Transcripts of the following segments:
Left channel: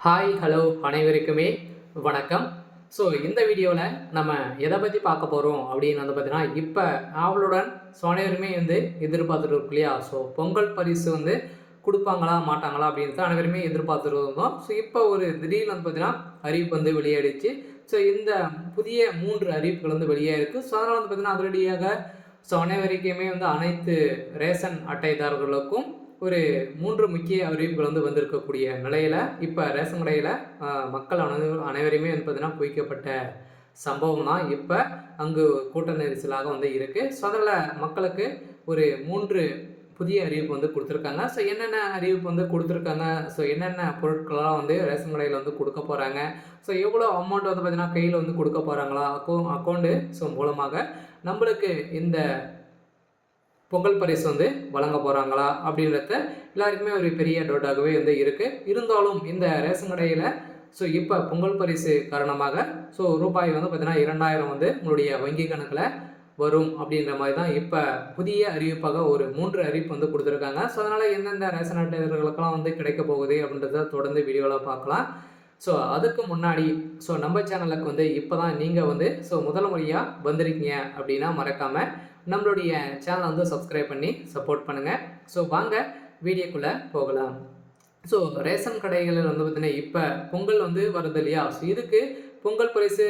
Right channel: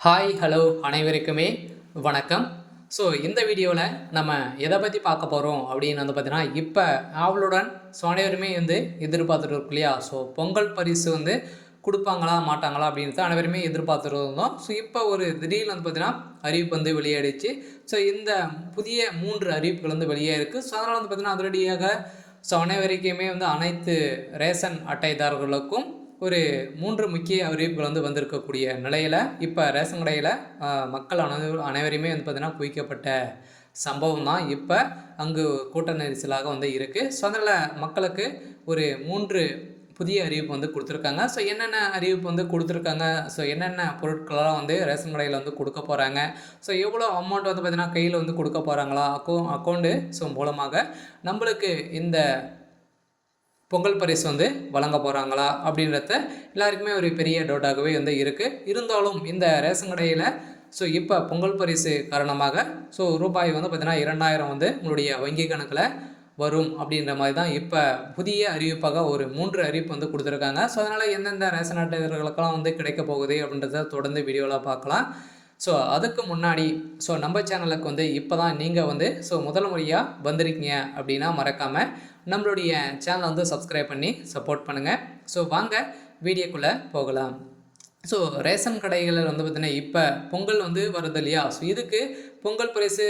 Hi hello அனைவருக்குமே வணக்கம். So இந்த வீடியோவில் நம்ம எதை பற்றி பார்க்க போகிறோம் அப்படின்னு வந்து பார்த்தீங்கன்னா இப்போ ஆவலுடன் ஸோ அனைவருமே வந்து எதிர்பார்த்துட்டு இருக்கு இல்லையா? ஸோ பொங்கல் பரிசு வந்து கொடுப்பாங்களா மாட்டாங்களா அப்படின்ட்டு அனைவருமே எதிர்பார்த்துட்டு இருந்தோம். ஸோ இப்போ ஒரு திடீர்னு வந்து பார்த்தீங்கன்னா அறிவிப்பு வந்து வெளியாயிடுச்சு ஸோ இந்த புதிய மூன்று அறிவிப்புகள் வந்து வெளியே இருக்குது ஸோ அதனால் வந்து பார்த்தீங்கன்னா அதிரடியாக ஸோ அனைவருக்குமே வந்து அனைத்து ரேஷன் அட்டைதாரர்களுக்கும் ஒரு மூன்று முக்கிய அறிவிப்புகள் வந்து வந்திருக்கக்கூடிய நிலையில் இப்போ ரேஷன் கடையில் மக்கள் அனை அனைவரையுமே வந்து பார்த்திங்கன்னா குவிக்கப்பட்ட சம்பவம் தான் இப்போ அங்கு கூட்ட நெரிசலாக வந்து இருக்குது ஸோ அதில் மக்களுக்கு ஒரு மூன்று புதிய அறிவிப்பு வந்து கொடுத்துருக்காங்க. ஸோ என்னென்ன அறிவிப்பு வந்து கொடுத்துருக்காங்க? ஸோ என்னென்ன பொருட்களெல்லாம் வந்து ரேஷன் கடையில் வந்து கொடுக்க போகிறாங்க ஸோ எவ்வளோ அமௌண்ட் வந்து பார்த்திங்கன்னா கையில் வந்து கொடுக்க போகிறாங்களா அக்கௌ அக்கௌண்ட்டு ஸோ மூலமாக நம்மளுக்கு இந்த பொங்கல் பரிசு வந்து வழங்க போகிறாங்களா அப்படின்றத எல்லாருக்குமே ஒரு பெரிய டவுட்டாகவே வந்து இருக்குது இருந்தாலும் இந்த ரேஷன் கடையில் ஸோ இப்போ பொங்கல் பரிசு காரணமாக ஸோ ரூபாய் வந்து பார்த்திங்கன்னா இரண்டாயிரம் வந்து உங்களுடைய வங்கி கணக்கில் வரும் அப்படின்ற மாதிரி தான் இப்போ புதிய அறிவிப்பாக ஒரு மூன்று அறிவிப்பு வந்து கொடுத்துருக்காங்க. ஸோ அதனால் எந்தெந்த ரேஷன் அட்டைகளுக்கெல்லாம் வந்து கிடைக்க போகுது அப்படின்றத தொடர்ந்து வீடியோவில் பார்க்கலாம். ஸோ அதுக்கு முன்னாடி ஸோ நம்ம சேனலுக்கு வந்து இப்போ தான் நீங்கள் வந்து ஸோ முதல் முறையாக வந்திருக்கீங்க அப்படின்னா மறக்காமல் நம்மளுடைய சேனலை வந்து சப்ஸ்கிரைப் பண்ணி சப்போர்ட் பண்ணுங்கள் ஸோ வாங்க வீடியோக்குள்ளே போகலாம். ஸோ ரேஷன் கடைகளில் வந்து பார்த்திங்கன்னா இப்போ பொங்கல் வந்து வருது இல்லையா? ஸோ இதுக்கு பொங்கல் பரிசு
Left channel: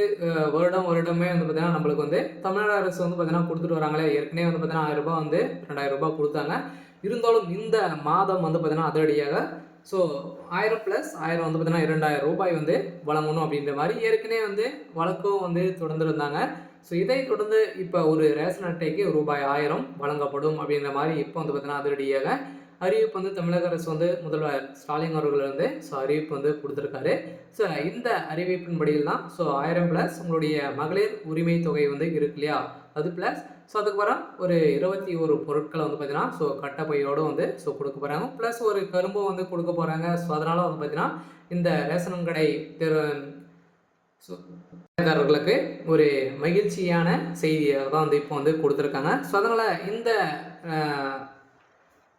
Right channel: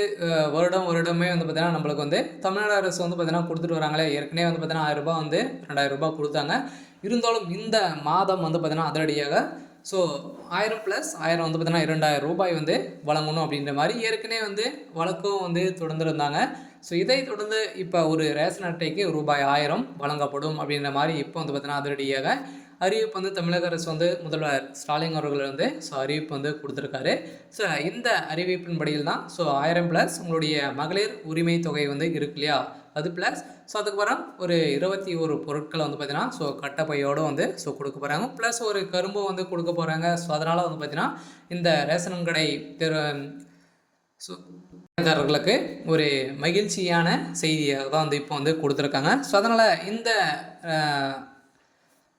வருடம் வருடமே வந்து பார்த்திங்கன்னா நம்மளுக்கு வந்து தமிழ்நாடு அரசு வந்து பார்த்திங்கன்னா கொடுத்துட்டு வராங்களே. ஏற்கனவே வந்து பார்த்திங்கன்னா ஆயிரம் ரூபாய் வந்து ரெண்டாயிரம் ரூபாய் கொடுத்தாங்க. இருந்தாலும் இந்த மாதம் வந்து பார்த்திங்கன்னா அதிரடியாக ஸோ ஆயிரம் ப்ளஸ் ஆயிரம் வந்து பார்த்தீங்கன்னா இரண்டாயிரம் ரூபாய் வந்து வழங்கணும் அப்படின்ற மாதிரி ஏற்கனவே வந்து வழக்கம் வந்து தொடர்ந்துருந்தாங்க. ஸோ இதை தொடர்ந்து இப்போ ஒரு ரேஷன் அட்டைக்கு ரூபாய் ஆயிரம் வழங்கப்படும் அப்படின்ற மாதிரி இப்போ வந்து பார்த்தீங்கன்னா அதிரடியாக அறிவிப்பு வந்து தமிழக அரசு வந்து முதல்வர் ஸ்டாலின் அவர்கள் வந்து ஸோ அறிவிப்பு வந்து கொடுத்துருக்காரு. ஸோ இந்த அறிவிப்பின்படியில் தான் ஸோ ஆயிரம் ப்ளஸ் உங்களுடைய மகளிர் உரிமை தொகை வந்து இருக்கு இல்லையா? அது ப்ளஸ் ஸோ அதுக்கப்புறம் ஒரு இருபத்தி ஒரு பொருட்களை வந்து பார்த்தீங்கன்னா ஸோ கட்டப்பையோடு வந்து ஸோ கொடுக்க போகிறாங்க ப்ளஸ் ஒரு கரும்பு வந்து கொடுக்க போகிறாங்க ஸோ அதனால் வந்து பார்த்தீங்கன்னா இந்த ரேஷன் கடை தெரு ஸோ காரர்களுக்கு ஒரு மகிழ்ச்சியான செய்தியை தான் வந்து இப்போ வந்து கொடுத்துருக்காங்க. ஸோ அதனால் இந்த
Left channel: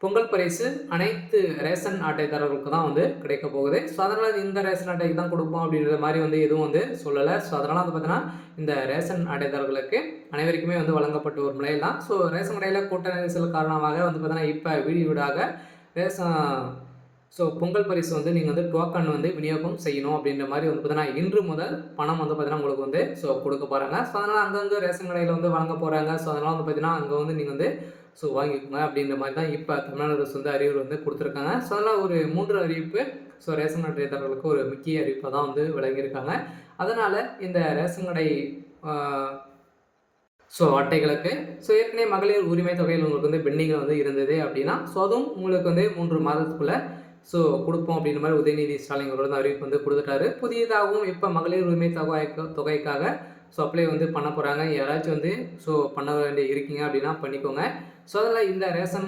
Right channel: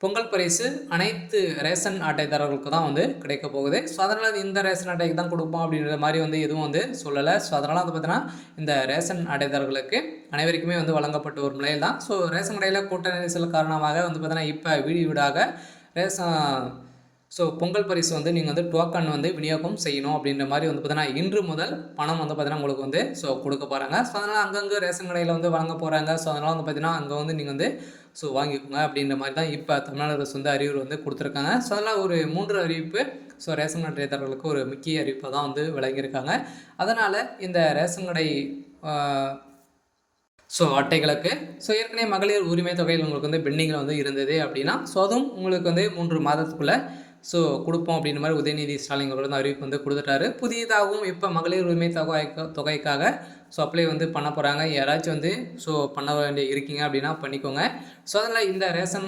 பொங்கல் பரிசு அனைத்து ரேஷன் அட்டைதாரர்களுக்கு தான் வந்து கிடைக்க போகுது. ஸோ அதனால் இந்த ரேஷன் அட்டைக்கு தான் கொடுப்போம் அப்படின்ற மாதிரி வந்து எதுவும் வந்து சொல்லலை. ஸோ அதனால் வந்து பார்த்தீங்கன்னா இந்த ரேஷன் அட்டைதாரர்களுக்கு அனைவருக்குமே வந்து வழங்கப்பட்டு ஒரு நிலையில் தான் ஸோ ரேஷன் கடையில் கூட்ட நெரிசல் காரணமாக வந்து பார்த்தீங்கன்னா இப்போ வீடு வீடாக ரேஷன் ஸோ பொங்கல் பரிசு வந்து நீங்கள் வந்து டோக்கன் வந்து விநியோகம் செய்யணும் அப்படின்ற மாதிரி வந்து பார்த்தீங்கன்னா இன்று முதல் பணம் வந்து பார்த்தீங்கன்னா உங்களுக்கு வந்து ஸோ கொடுக்க போகிறாங்க ஸோ அதனால் அங்கங்கே ரேஷன் கடையில் வந்து வழங்க போகிறாங்க ஸோ அதனால் வந்து பார்த்தீங்கன்னா அங்கே வந்து நீங்கள் வந்து ஸோ வாங்கிக்கோங்க அப்படின்ற மாதிரி தான் இப்போ தமிழ்நாடு அரசு வந்து அறிவுரை வந்து கொடுத்துருக்காங்க. ஸோ அதனால் ஒரு மூன்று அறிவிப்பு ஸோ ரேஷன் கடைதாரர்களுக்கு ஒரு முக்கிய அறிவிப்பாக தான் வந்து வழங்கியிருக்காங்க அதனால் இந்த ரேஷன் கடை ஸோ அட்டைகளுக்கு ஸோ ஏற்கனவே மகளிர் உரிமை தொகையில் உங்களுக்கு வந்து பெண்டிங்கில் வந்து இருந்தது அப்படின்னா ஸோ அதுவும் உங்களுக்கு வந்து மூன்று மாதத்துக்குள்ளே ஸோ கொடுப்போம் அப்படின்ற மாதிரி உதயநிதி ஸ்டாலின் அவரோட அறிவிப்பு வந்து கொடுத்துட்டாரு. புதியதாகவும் இப்போ மகளிர் உரிமை தொகை தொகைக்காக ஸோ அப்ளை வந்து பண்ண போகிறாங்க யாராச்சும் வந்து ஸோ பண்ண வேண்டிய இருக்கீங்க அப்படின்னா பண்ணிக்கோங்க. ஸோ அதில் இந்த ரேஷன்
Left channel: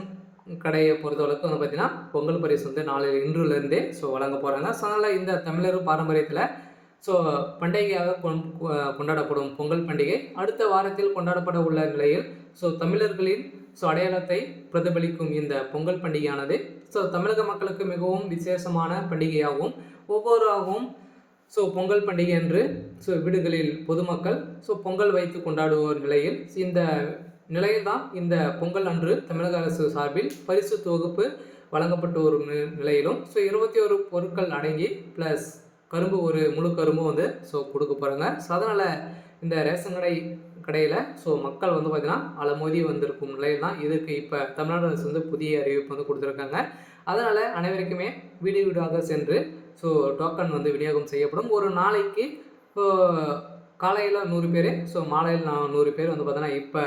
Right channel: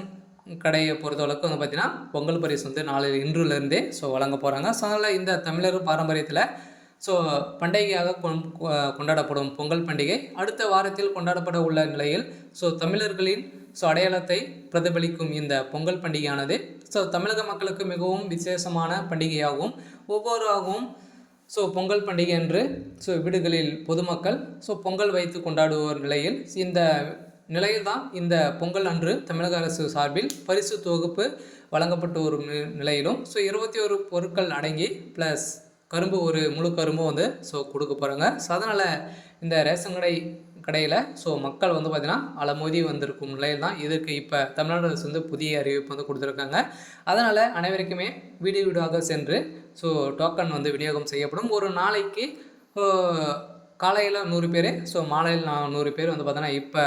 கடையை பொறுத்தளவுக்கு வந்து பார்த்திங்கன்னா பொங்கல் பரிசு வந்து நாளை இன்றுலேருந்தே ஸோ வழங்க போகிறாங்க ஸோ அதனால் இந்த தமிழர் பாரம்பரியத்தில் ஸோ பண்டிகையாக கொண்- கொண்டாடப்படும் பொங்கல் பண்டிகை அடுத்த வாரத்தில் கொண்டாடப்பட உள்ள நிலையில் ஸோ தமிழர்களின் ஸோ அடையாளத்தை பிரதிபலிக்கும் இந்த பொங்கல் பண்டிகையானது ஸோ தமிழக மக்களுக்கு மிகவும் விசேஷமான பண்டிகையாகும். ஒவ்வொருவராகவும் ஸோ பொங்கல் பண்டிகை அன்று ஸோ வீடுகளில் பொதுமக்கள் ஸோ பொங்கல் வைத்து கொண்டாடுவோர் நிலையில் இந்த நிலையில் தான் இந்த பொங்கல் அன்று தமிழக அரசு சார்பில் பரிசு தொகுப்பு வழங்கப்பட்டு வரும் நிலையிலும் ஸோ இருபத்தி ஒரு பொருட்கள் அடங்கி ப்ளஸ் கரும்பு ஒரு முழு கரும்பும் வந்து ஸோ கொடுக்க போகிறாங்க ஸோ அதனால் இந்த ரேஷன் கடை கடையில். ஸோ மக்கள் வந்து பார்த்திங்கன்னா அலமோதி வந்திருக்கும் நிலையில் தான் இதுக்கு இப்போ தமிழ்நாடு அரசு வந்து புதிய அறிவிப்பு வந்து கொடுத்துருக்காங்க. அதனால் அனைவருக்குமே வீடு வீடாக சென்று ஸோ டோக்கன் வந்து விநியோகம் செய்யப்படும். ஒரு நாளைக்கு காலையில் நூறு பேர் ஸோ மாலையில் நான் நூறு பேர் வந்து பார்த்தோன்னா இப்போ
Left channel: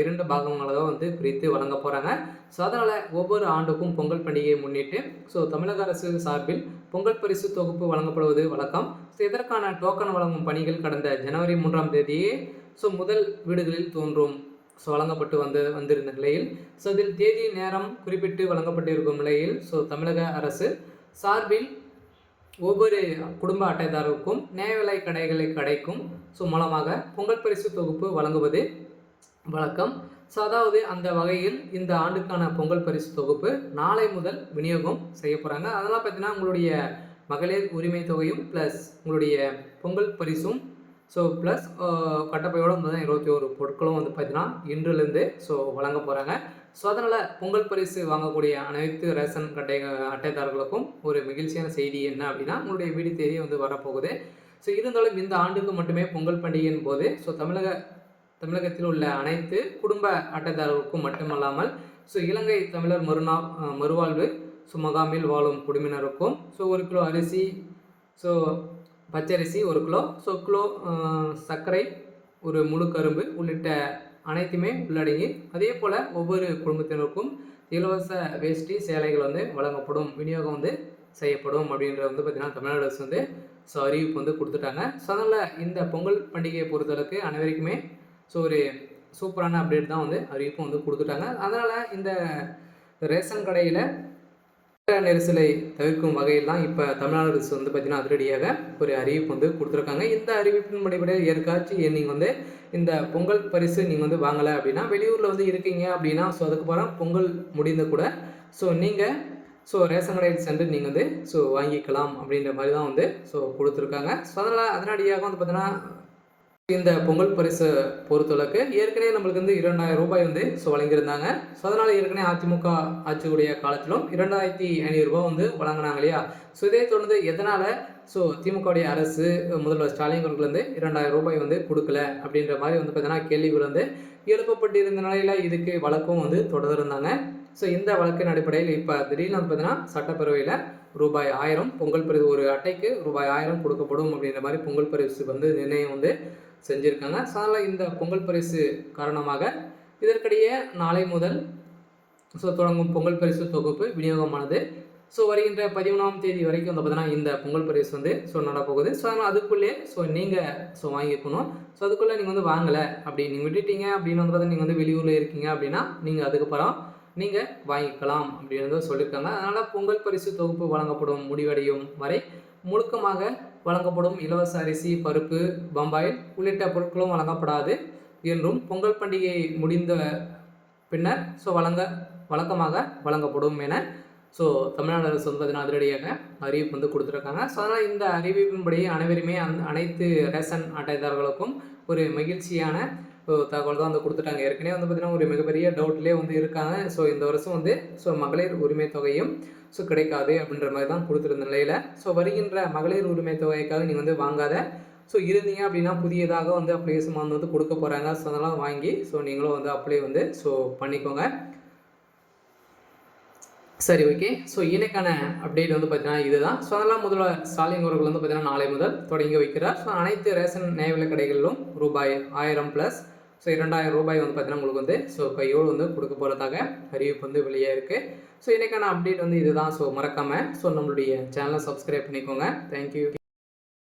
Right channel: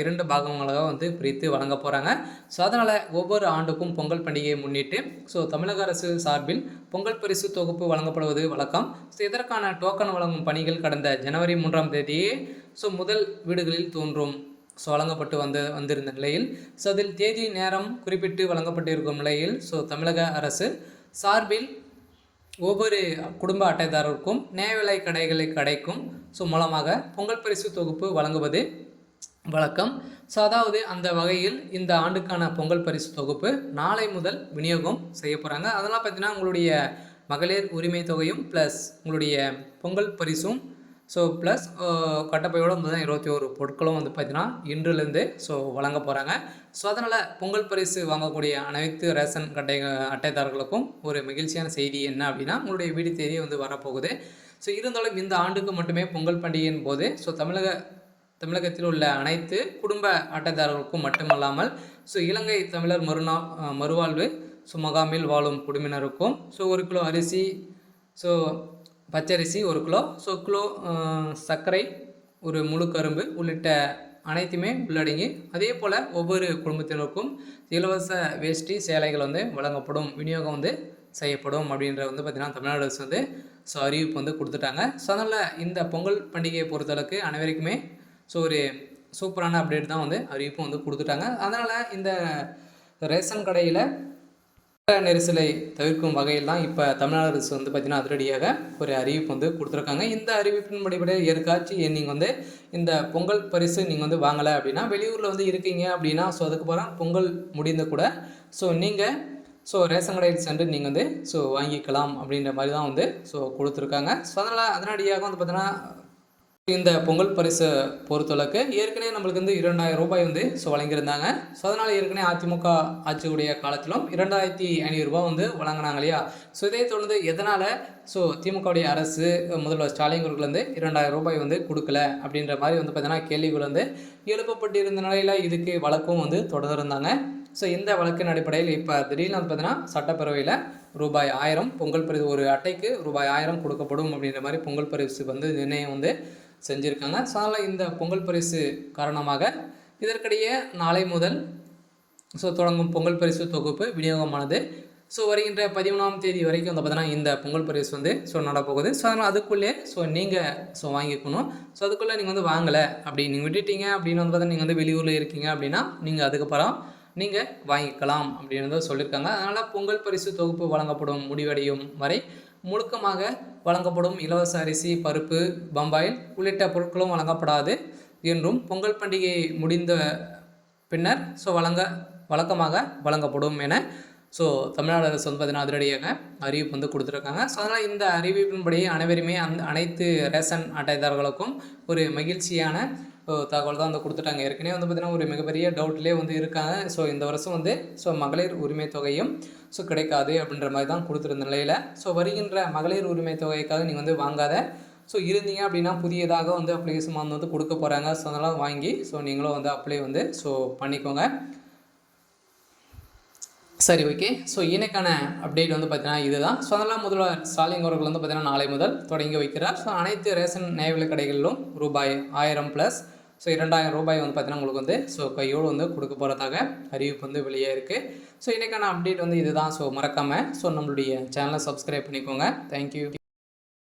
இரண்டு பாகங்களாக வந்து பிரித்து வழங்க போகிறாங்க ஸோ அதனால் ஒவ்வொரு ஆண்டுக்கும் பொங்கல் பண்டிகையை முன்னிட்டு ஸோ தமிழக அரசு சார்பில் பொங்கல் பரிசு தொகுப்பு வழங்கப்படுவது வழக்கம். ஸோ இதற்கான டோக்கன் வழங்கும் பணிகள் கடந்த ஜனவரி மூன்றாம் தேதியே ஸோ முதல் வீடுகளில் தோன்றும். ஸோ வழங்கப்பட்டு வந்து வந்திருந்த நிலையில் ஸோ அதில் தேதி நேரம் குறிப்பிட்டு வழங்கப்பட்டு இருக்கும் நிலையில் ஸோ தமிழக அரசு சார்பில் ஒவ்வொரு குடும்ப அட்டைதாரருக்கும் நியாய விலை கடைகளை கடைக்கும் ஸோ மூலமாக பொங்கல் பரிசு தொகுப்பு வழங்குவது வழக்கம் ஸோ அதாவது அந்த வகையில் இந்த ஆண்டுக்கான பொங்கல் பரிசு தொகுப்பு நாளை முதல் விநியோகம் செய்ய போகிறாங்க அதெல்லாம் பார்த்தீங்கன்னா உங்களுடைய மகளிர் உரிமை தொகையும் ப்ளஸ் உங்களுடைய பொங்கல் பரிசும் ஸோ ப்ளஸ் கட்டப்பையோட வந்து தான் இருபத்தி ஒரு பொருட்களும் வந்து பார்த்தீங்கன்னா இன்றுலேருந்து ஸோ வழங்க போகிறாங்க ஸோ அதனால் பொங்கல் பரிசு வாங்கக்கூடிய அனைத்து ரேஷன் கட்டை அட்டைதாரர்களுக்கும் ஒரு மகிழ்ச்சியான செய்தி என்ன அப்படின்னா உங்களுடைய வீடு தேதி வந்து வரப்போகுது. ஸோ இருந்தாலும் இந்த ஆண்டுக்கு மட்டுமே பொங்கல் பண்டிகையின் போது ஸோ தமிழக தமிழகத்தில் உள்ள அனைத்து குடும்ப அட்டைதாரர்களுக்கும் மட்டுமல்லாமல் ஸோ இலங்கை தமிழர் மறுநா மறுவாழ்வு ஸோ முகாமில் வாழும் குடும்பினருக்கும் ஸோ ஒரு கிலோ அரிசி ஸோ பச்சரிசி ஒரு கிலோ ஸோ கிலோ சர்க்கரை ஒரு முழு கரும்பு உள்ளிட்ட அனைத்துமே உள்ளடங்கி அதே போல் ஒவ்வொரு குடும்பத்தினருக்கும் இலவச வேஷ்டி சேலைகள் வந்து வழங்கப்படும் விநியோகம் வந்து செய்யப்படும் அப்படின்ற வந்து பார்த்திங்கன்னா தமிழ்நாடு அரசு வந்து ஸோ அறிவிப்பு வந்து கொடுத்துட்டாங்க. ஸோ அதனால் இந்த பொங்கல் பண்டிகையை பொறுத்தளவுக்கு அனைவருக்குமே ஸோ ஒரு சூப்பரான அப்டேட் தான் வந்து அறிவிப்பும் வந்து கொடுத்துட்டாங்க. அதனால் இந்த ரேஷன் கடையில் நெரிசலை தவிர்க்கும் வகையில் தான் இப்போ தமிழ்நாடு அரசு வந்து பார்த்திங்கன்னா அதிரடியாக ஒரு அறிவிப்பு வந்து கொடுத்துருக்காங்க. இந்த அறிவிப்பின் படிப்படியாக ஏற்காச்சும் நீங்கள் வந்து இந்த பொங்கல் பரிசு நீங்கள் வந்து வாங்கலை அப்படின்னா வெளியூரில் வந்து இருக்கீங்க அப்படின்னா ஸோ அதுக்கப்புறம் பொங்கல் முடிந்த கூட ஸோ நீங்கள் ஸோ ரேஷன் கடையில் சென்று நீங்கள் வந்து ஸோ வாங்கிக்கலாம் அப்படின்ற மாதிரி தான் வந்து ஸோ கொடுத்துருக்காங்க. ஸோ அதனால் அதனடியாக வந்து பார்த்தீங்கன்னா இந்த பொங்கல் பரிசு பொறுத்தளவுக்கு ஏற்கனவே நம்மளுக்கு வந்து இரண்டாயிரம் ரூபாய் வந்து ஸோ வழங்கியிருந்தாங்க. ஸோ அதனால் ஏற்கனவே அதிமுக ஆட்சியுடைய காலத்திலும் இரண்டாயிரத்தி ஐநூறுரூபா வந்து வழங்கினாங்க இல்லையா? ஸோ இதே தொடர்ந்து எதனால் ஸோ திமுகவுடைய அரசு முதல்வர் ஸ்டாலின் அவர்கள் வந்து இரண்டாயிரம் ரூபாய் வந்து கொடுக்கல அப்படின்ற மாதிரி வந்து பார்த்தீங்கன்னா கேள்விகள் வந்து எழுப்பப்பட்டிருந்த நிலையில் இதுக்கு வழக்கும் வந்து தொடர்ந்தாங்க ஸோ இந்த வழக்கின் அடிப்படையில் இப்போ திடீர்னு வந்து பார்த்தீங்கன்னா சட்டப்பேரவையில் ரூபாய் ஆயிரம் பொங்கல் பரிசு ஒரு அட்டைக்கு ரூபாய் ஆயிரம் கொடுக்கப்படும் அப்படின்ற மாதிரி பொங்கல் பரிசு வந்து நிர்ணயம் வந்து செஞ்சுருக்காங்க. ஸோ அதனால் இந்த பொங்கல் பரிசு காரணமாக இதற்கிடையே நாளை முதல் ஸோ தொடங்கும் பொங்கல் பரிசு தொகுப்பு விநியோகமானது. ஸோ வருகின்ற பதிமூணாம் தேதி வரைக்கும் வந்து பார்த்தீங்கன்னா இந்த பொங்கல் பரிசு வந்து ஸோ நடப்போகுது ஸோ அதனால் அதுக்குள்ளே ஸோ நீங்கள் ஸோ வாங்கிக்கணும். ஸோ அதுக்குள்ளே நீங்கள் வந்து வாங்கலை அப்படி நீங்கள் விட்டுட்டீங்க அப்படின்னு வந்து பார்த்தீங்கன்னா நீங்கள் வந்து வெளியூரில் இருக்கீங்க அப்படின்னா நீங்கள் அதுக்கப்புறம் நீங்கள் வாங்கிக்கலாம் அப்படின்னு சொல்லியிருக்காங்க அதனால் பொங்கல் பரிசு தொகுப்பு வழங்கப்படும் முடிவடையும் வரை முழுக்கமாக வழங்கப்படும் இலவச அரிசி பருப்பு பம்பாயில் உள்ளிட்ட பொருட்களும் வழங்கப்படாது என்றும் பொங்கல் பண்டிகை முடிந்த பின்னர் ஸோ வழங்க வழக்கமாக வழங்கப்படும் என ஸோ தமிழ்நாடு அரசு வந்து பார்த்தீங்கன்னா அதிரடியாக அறிவிப்பு வந்து கொடுத்துருக்காங்க. ஸோ அதனால் இந்த அறிவிப்பின்படி அனைவருமே அந் அனைத்து ரேஷன் அட்டைதாரர்களுக்கும் ஒரு மகிழ்ச்சியான தகவல் தான் வந்து கொடுத்துட்டாங்க. ஏற்கனவே வந்து பார்த்திங்கன்னா ஒரு மிகப்பெரிய டவுட்லேயே வந்து இருக்காங்க. ஸோ இந்த வருஷம் வந்து ஸோ மகளிர் உரிமை தொகையும் ஸோ கிடைக்காது அப்படின்ற மாதிரி தான் கொடுத்துருந்த நிலையில். ஸோ வருகின்ற மகளிர் உரிமை தொகைக்காக நீங்கள் வந்து வாங்காத. ஸோ இருந்தீங்க அப்படின்னா புதியதாக வந்து அப்ளிகேஷன் வந்து கொடுக்க போகிறாங்க ஸோ அதெல்லாம் வாங்கி ஸோ நீங்களும் வந்து அப்ளை வந்து ஸோ பண்ணிக்கோங்க. சரி ஓகே ஸோ இன்னைக்கான அப்டேட் வந்து பார்த்தீங்கன்னா இதுதான். ஸோ அதெல்லாம் முதல்வர் ஸ்டாலின் அவர்கள் வந்து பார்த்தீங்கன்னா நாளை முதல் தொடங்கி வைக்கிறார். ஸோ அனைத்து ரேஷன் நியாய கடைகளிலும் ரூபாய் ஆயிரம் ப்ளஸ் ஸோ இரண்டாயிரம் ரூபாய் வந்து பார்த்தீங்கன்னா உங்களுக்கு வந்து ஸோ கையோடு வந்து கொடுக்க போகிறதாக அறிவிப்பு வந்து வெளியே இருக்குது ஸோ இன்றைக்கான அப்டேட் வந்து இதுதான். ஸோ மறக்காமல் ஸோ நம்மளுடைய சேனலை சப்ஸ்கிரைப் பண்ணிக்கோங்க. தேங்க்யூ